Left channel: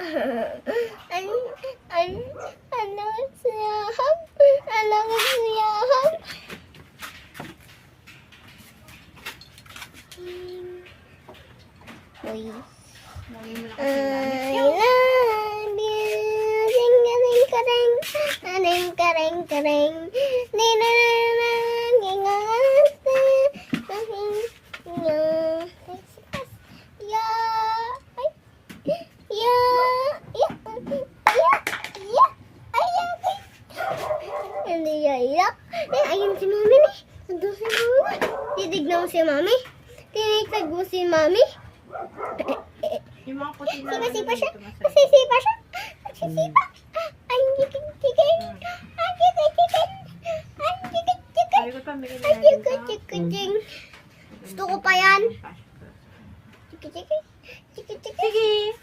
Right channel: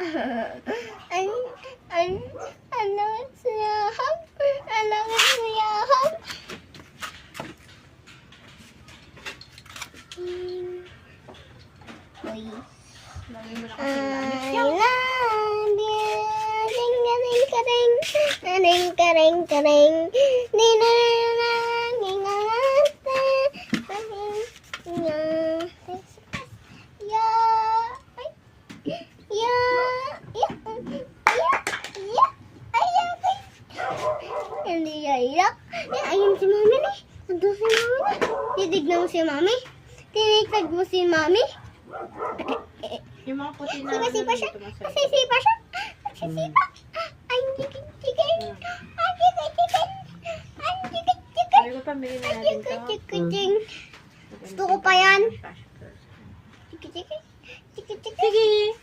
Ano siyahap? Ano siyahap? Uy. Lagay mo na kasi namin. Kareng. Ni na na ni nga ya ay ya hindi ya iyak. Ayun si mami ni. Andun si mami. Titignan mo si mami. Tinitag mo si mami. Yung mga puti na Sumisipa siya. dito masarap. Nagsisipa siya. Nagsisipa. Ay, chicken. Ay, chicken. Ay, chicken. Sabi ko, pamili na natin to. Chicken. Gusto ko pa yan. Cash first. Chicken. Sige.